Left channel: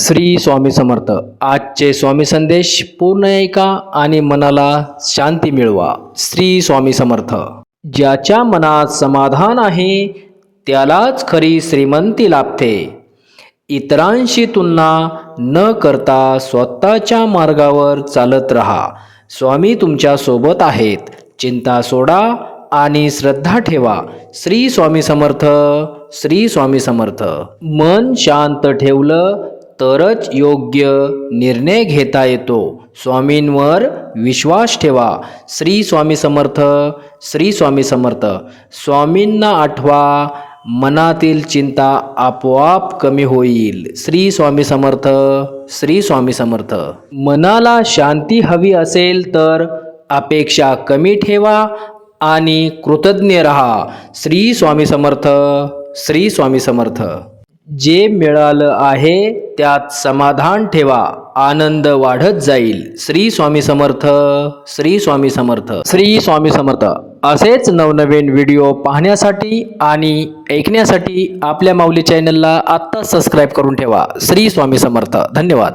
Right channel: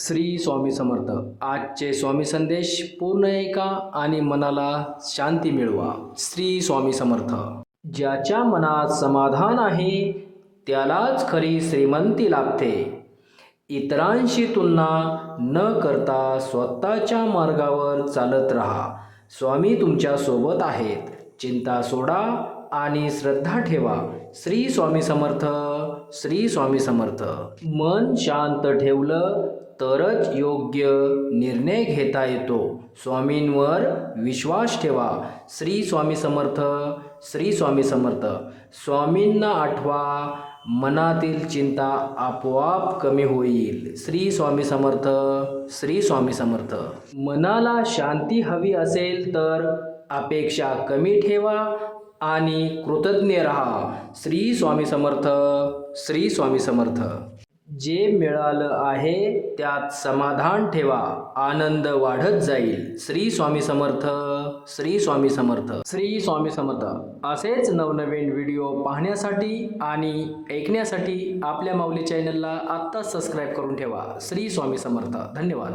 श्री स्वामी समर्थ. आजचे स्वामी संदेश पूर्ण ऐका आणि मनाला शांती मिळवा. श्री स्वामी समर्थ. ज्याच्या मनात समाधान आहे त्यालाच खरी श्रीमंती लाभते. इतरांशी तुलना न करता स्वतःच्या मार्गावर चालत राहा. स्वामी तुमच्या सोबत आहेत. चिंता सोडा आणि श्रद्धा ठेवा. श्री स्वामी समर्थ. श्री स्वामी समर्थ. मन शांत ठेवलं तरच योग्य निर्णय घेता येतो. स्वामींवर विश्वास ठेवा. श्री स्वामी समर्थ. श्री स्वामी समर्थ. स्वामींना आठवा, मनातील चिंता आपोआप कमी होईल. श्री स्वामी समर्थ. श्री स्वामी समर्थ. मनाला शांती हवी असेल तर अपेक्षा कमी ठेवा आणि कृतज्ञ राहा. श्री स्वामी समर्थ. श्री स्वामी समर्थ. जे मिळालं आहे त्यात समाधान ठेवा. आनंद वाढत जाईल. श्री स्वामी समर्थ. श्री स्वामी समर्थ. श्री स्वामी समर्थ. असेच नवनवीन व्हिडिओ पाहण्यासाठी आणि ऐकण्यासाठी आपल्या माऊली चॅनलला आत्ताच सबस्क्राईब करून ठेवा. श्री स्वामी समर्थ. धन्यवाद.